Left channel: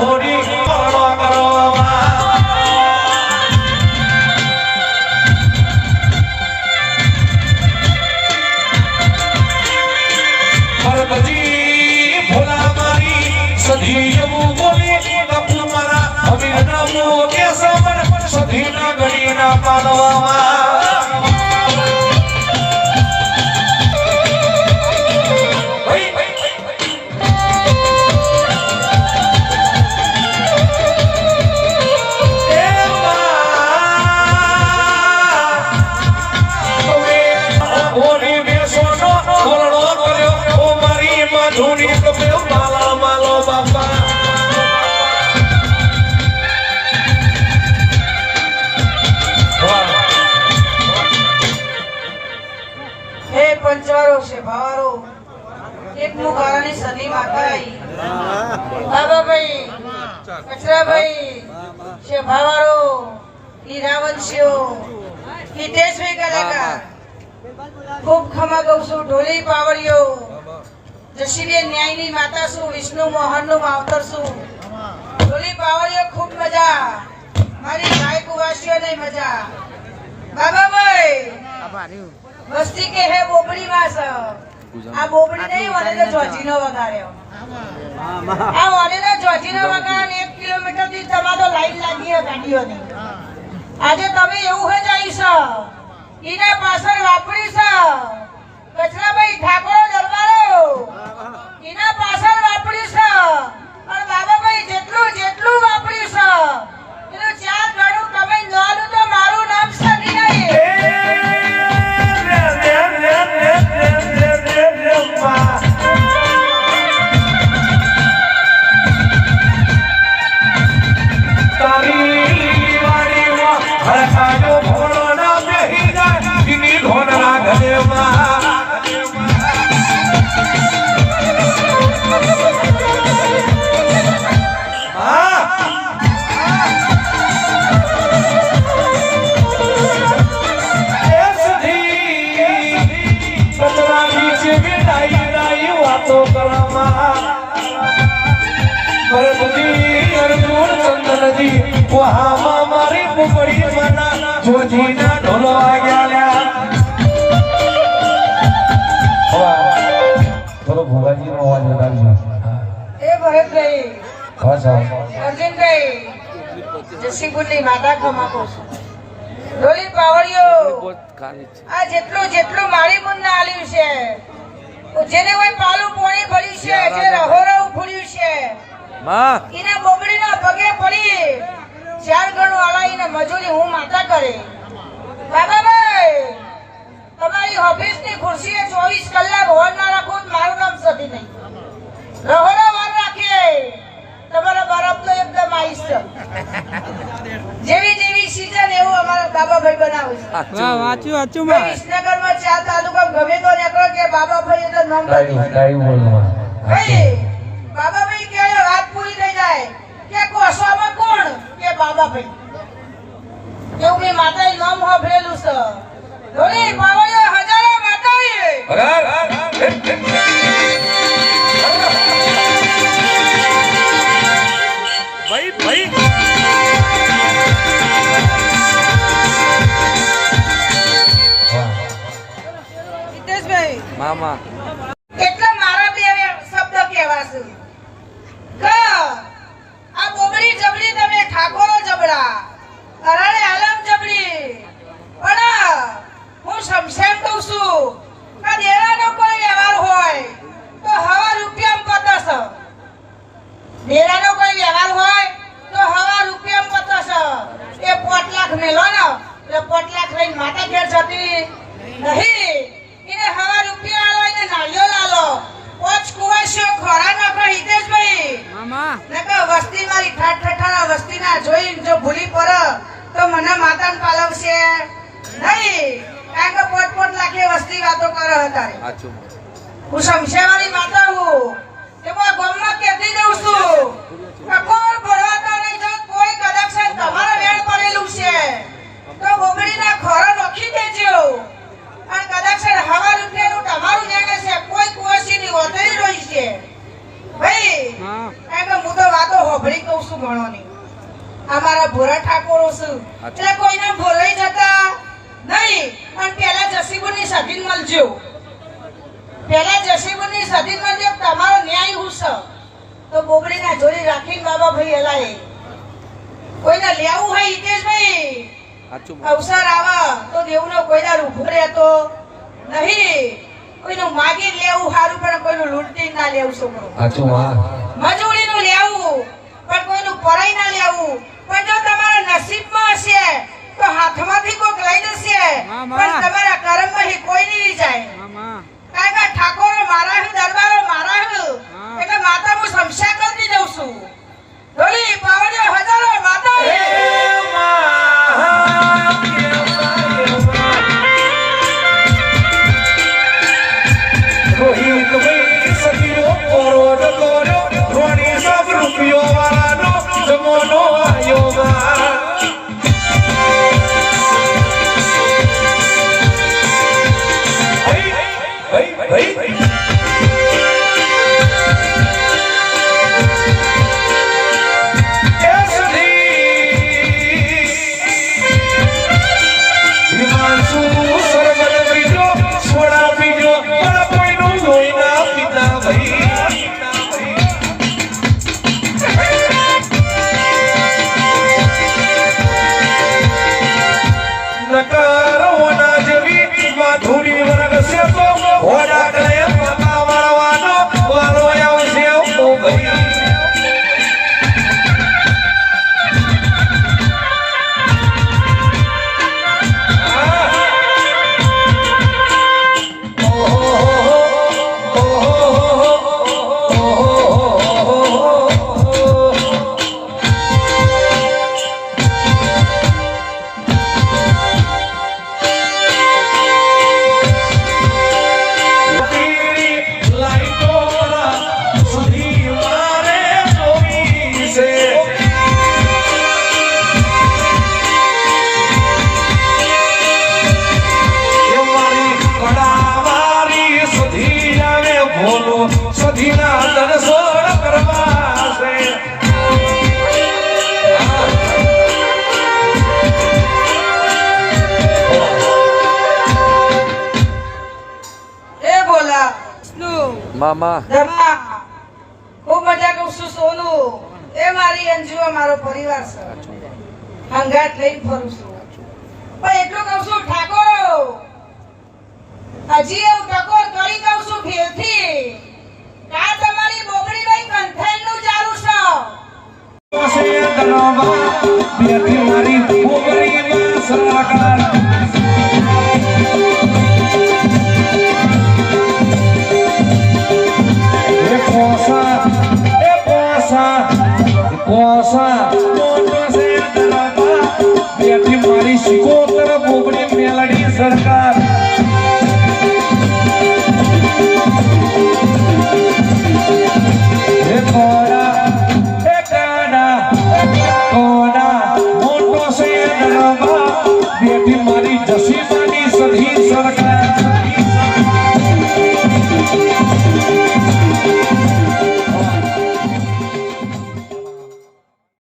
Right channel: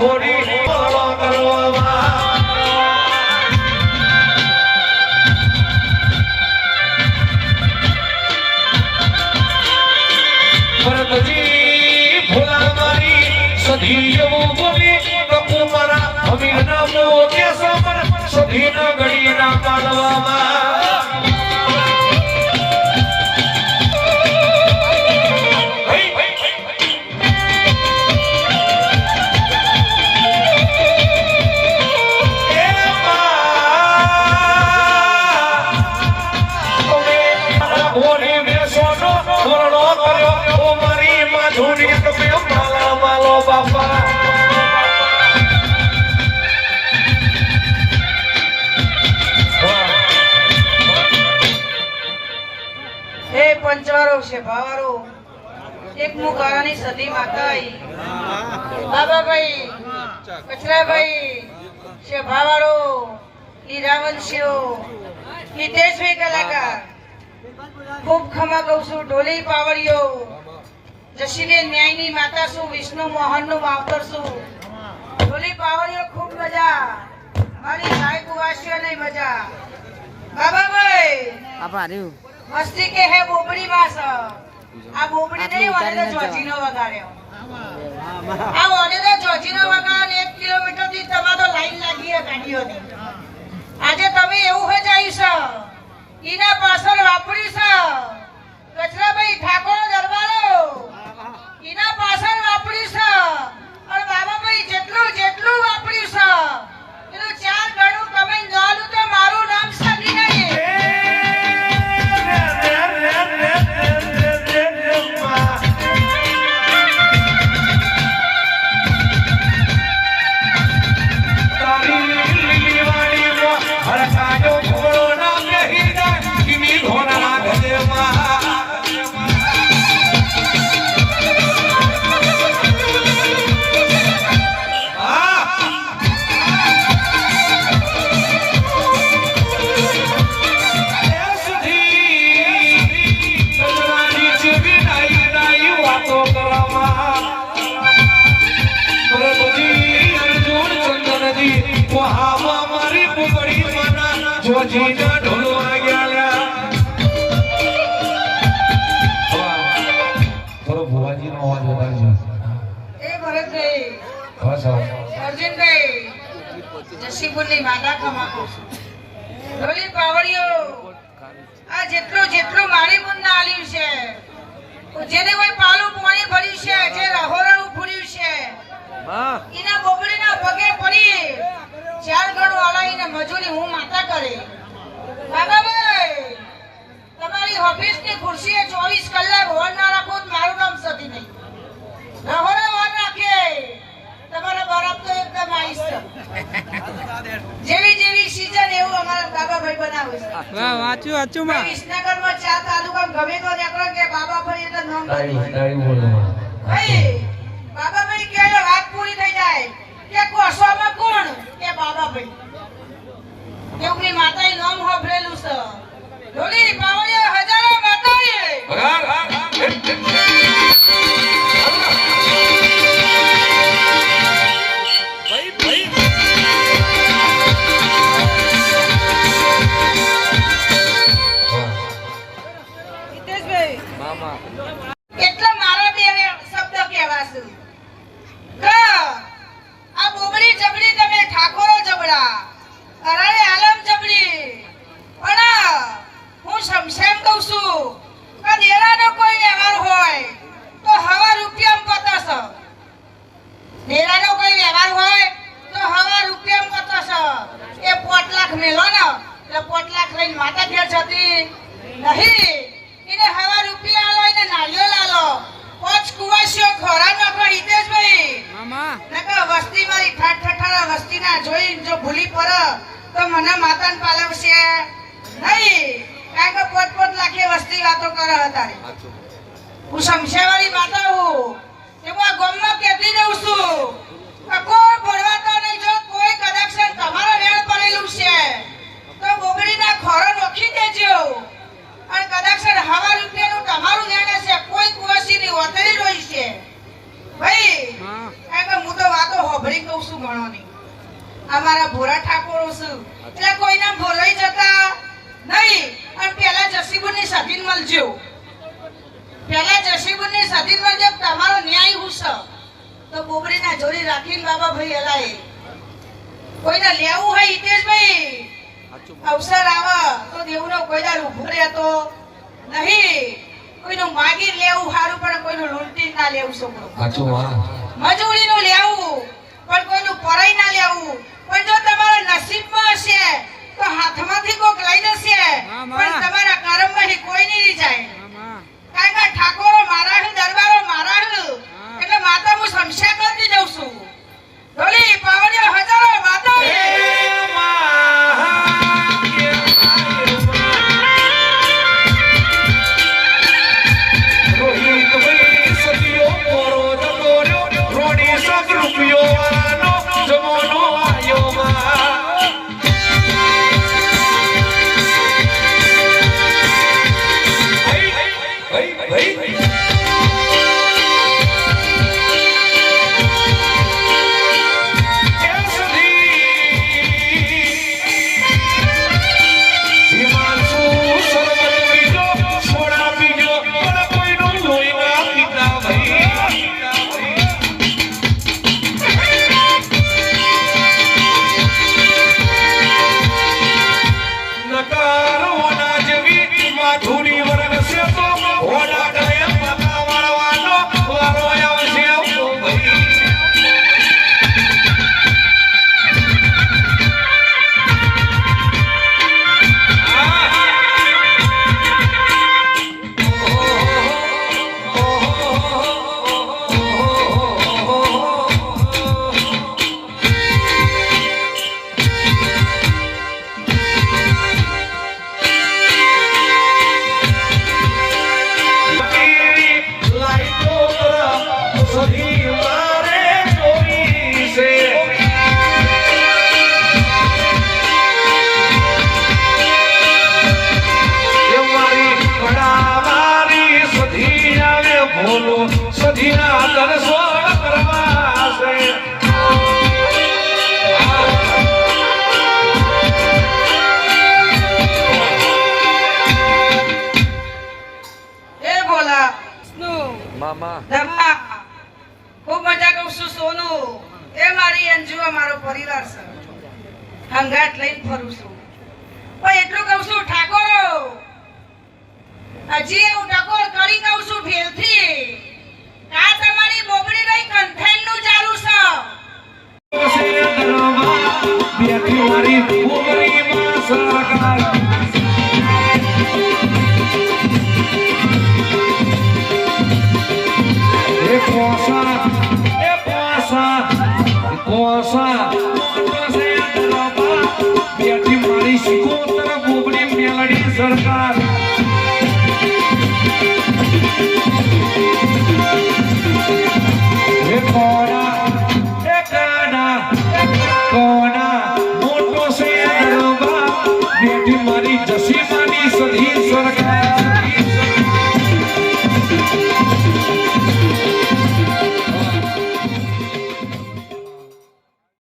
ઘોડી કરવા ભોલા મારી સધીઓ બોલી કપુ મારા અભિનવ કે સમર સધીના ગણીના પાડવામાં पंचवारो से भावारो एक मुखारानी सदी माताई बाबा भाई कचरा भाई से भावारो हीरावंशियो हितेश भाई कलाकार खूब खमा गौसु ढोली पावड़ियो जशीले न्यायनी माता सु विष्णु मोहन नु मावतर सु ढोली पावड़ियो खूब मजा मारी भाई कुवासियो नहीं मजा बाबा भाई मस्ती के है बोबड़ी मास आ बोबड़ी नहीं वाले तो जोजीनो वगाड़्यो आ वाले तो जोजीनो वगाड़ 1 किलोमीटर થી તમારો લાઈન લાગી હે ગાડીઓની આજે તમે એવું હે જાઈસ ઈના પાછળ વાપરીસ કચરાભાઈ ઠાકોર દરબારો ઈના પાછળ વાપરીસ અને બાબાભાઈ જેટલું જેટલું વાપરીસ એનું 4 ગણું તમે નોલું તો મારું નામ સની નહીં જોજીના ઢોલો વાગ્યા થોડો ભુવાજીનો અવાજ વધારજો એ ભરતભાઈ હા સાહેબ અર્જુનભાઈ જસીપુરની માતા ખમાકો ઢોલી પાવડિયો આ જેટલું જેટલું મારી મુન્ના આલ્યું છે જેને કોઈ પાલું પાણી ભર્યું છે જે રહોરવ ફૂડ્યું છે એના બોબડીના પગે પડી 4 ગણું આલાઈને મજૂરી હું માતા કરે બાબાભાઈ તમારી ઓફિસની ખુરશીએ 24 કલાક હોલ ના રાખો તો મારું નામ સધી નહીં રહોરા વાર રાખે તમારો બરફ તો એકદમ આઈસ જેવી જેવી સીઝન એવું અમારા બાબાભાઈ બનાવે છે વાહ વાચું વાચું માં વિસનગરમાં 4 તાલુકા ગમે તો નીકળો કે બાબાભાઈ એટલે નામ ડાઈ બોલવા ભાઈ બાબાભાઈ કે વાત પૂરી થઈ જાય કે કોસવામાં કોણ કે બાબાભાઈ એવું મે માતાએ નામ હોભળેલું છે ઢોલી પાવડિયો હજારો માતાએ ભાઈ ભાઈ હિતેશભાઈ મામા એટલે મારા બે શબ્દ કહેવાશે આ બોબડી જબડી તમે ઠાકોરો જબડા અરાડે આલમ જબડી પણ હું સમસેમ કહું છું કે દેરાનો કોઈ વ્યવહાર હોય તો હવા રૂપિયામાં પતસ દેરાનો કોઈ વ્યવહાર હોય તો હવા રૂપિયામાં પતસ એ 5 લાખ મેલો ને તો 5 લાખ લઈને માતા ઘેર જતી નહીં એને હવા રૂપિયા આલો એને નાળિયો લાલો પોચ કુવાસીઓ ખોરા નકરો હિતેશભાઈ મામા નકર વસ્તી મારી ઠાઠ ઠઠારા વસ્તીના જોઈને જો ભૂલી પર તો મને માતાને પાલવશે નહીં કારણ કે 5 લાખે વસ્તી વાતો કરે હતા હું શમશેવાળી માતા હું એમાં ગામમાં કહેતી દઉં છું કે કોઈ બોલવાતા નહીં જો કોઈ કદાચ તમારો વેળ પડેલું છે તો બોબડીના ખોરો નોખી દેજો અને કદાચ હવા રૂપિયાનું તમારું જાણે છે કોઈ કુવાસીની ઓતરી રહી છે ભાઈ કારણ કે હું તો વાતો હોભળી કહું છું ગણોની. અમારા ભોરા ઠાકોરો છું એટલે કોઈને ભોરાઈ જતા નહીં. અને પેલા જસીબુની સધીન મળજો, પેલા જસીબુની સધીન મળજો. તમારો ન્યાય હું છે તો બોબડીના જોડી રાખીને બાબા ભાઈ હલાય. કોઈને લેવું હોય હિતેશભાઈ અવસર આવે તો દેવનો કોઈ દાડ ઉભો રહેતો નહીં. કોઈનું માગી લેવું સારું પણ કોઈનું લૂંટી ના લેવું છોકરો. મજૂરીનું લેવું પણ કોઈનું પરાઈ ના લેવું. પણ જો તમારા નસીબમાં હશે તો હાથમાંથી કોક લઈ જશે પણ તમારા કર્મમાં કોઈ નહીં જાય. કારણ કે ઠાકોરો મારા હે, દરબારો મારા હે, એટલે માતા હું સમસ્યા કરતી જઉં છું. ઢોલી પાવડિયો હજારો માતા હે. મામા ખૂબ મજા કરું છું સોનું. એ મારી અંજુ મારો પરિવાર છે, હંગાટ લઈને ફરું છું. પણ એટલું કહું છું ઠાકોરો હજી એવું ટકોર કરી કહું છું ભેલથી આ તમારી બોબડી નહીં કંઠેન નું ચાલુ છે. મારી બોબડીમાં સરકાર મારી શિકોતર બોબડી મેલડી સરકાર મોટો છે મારી જસીમાની સધી સરકાર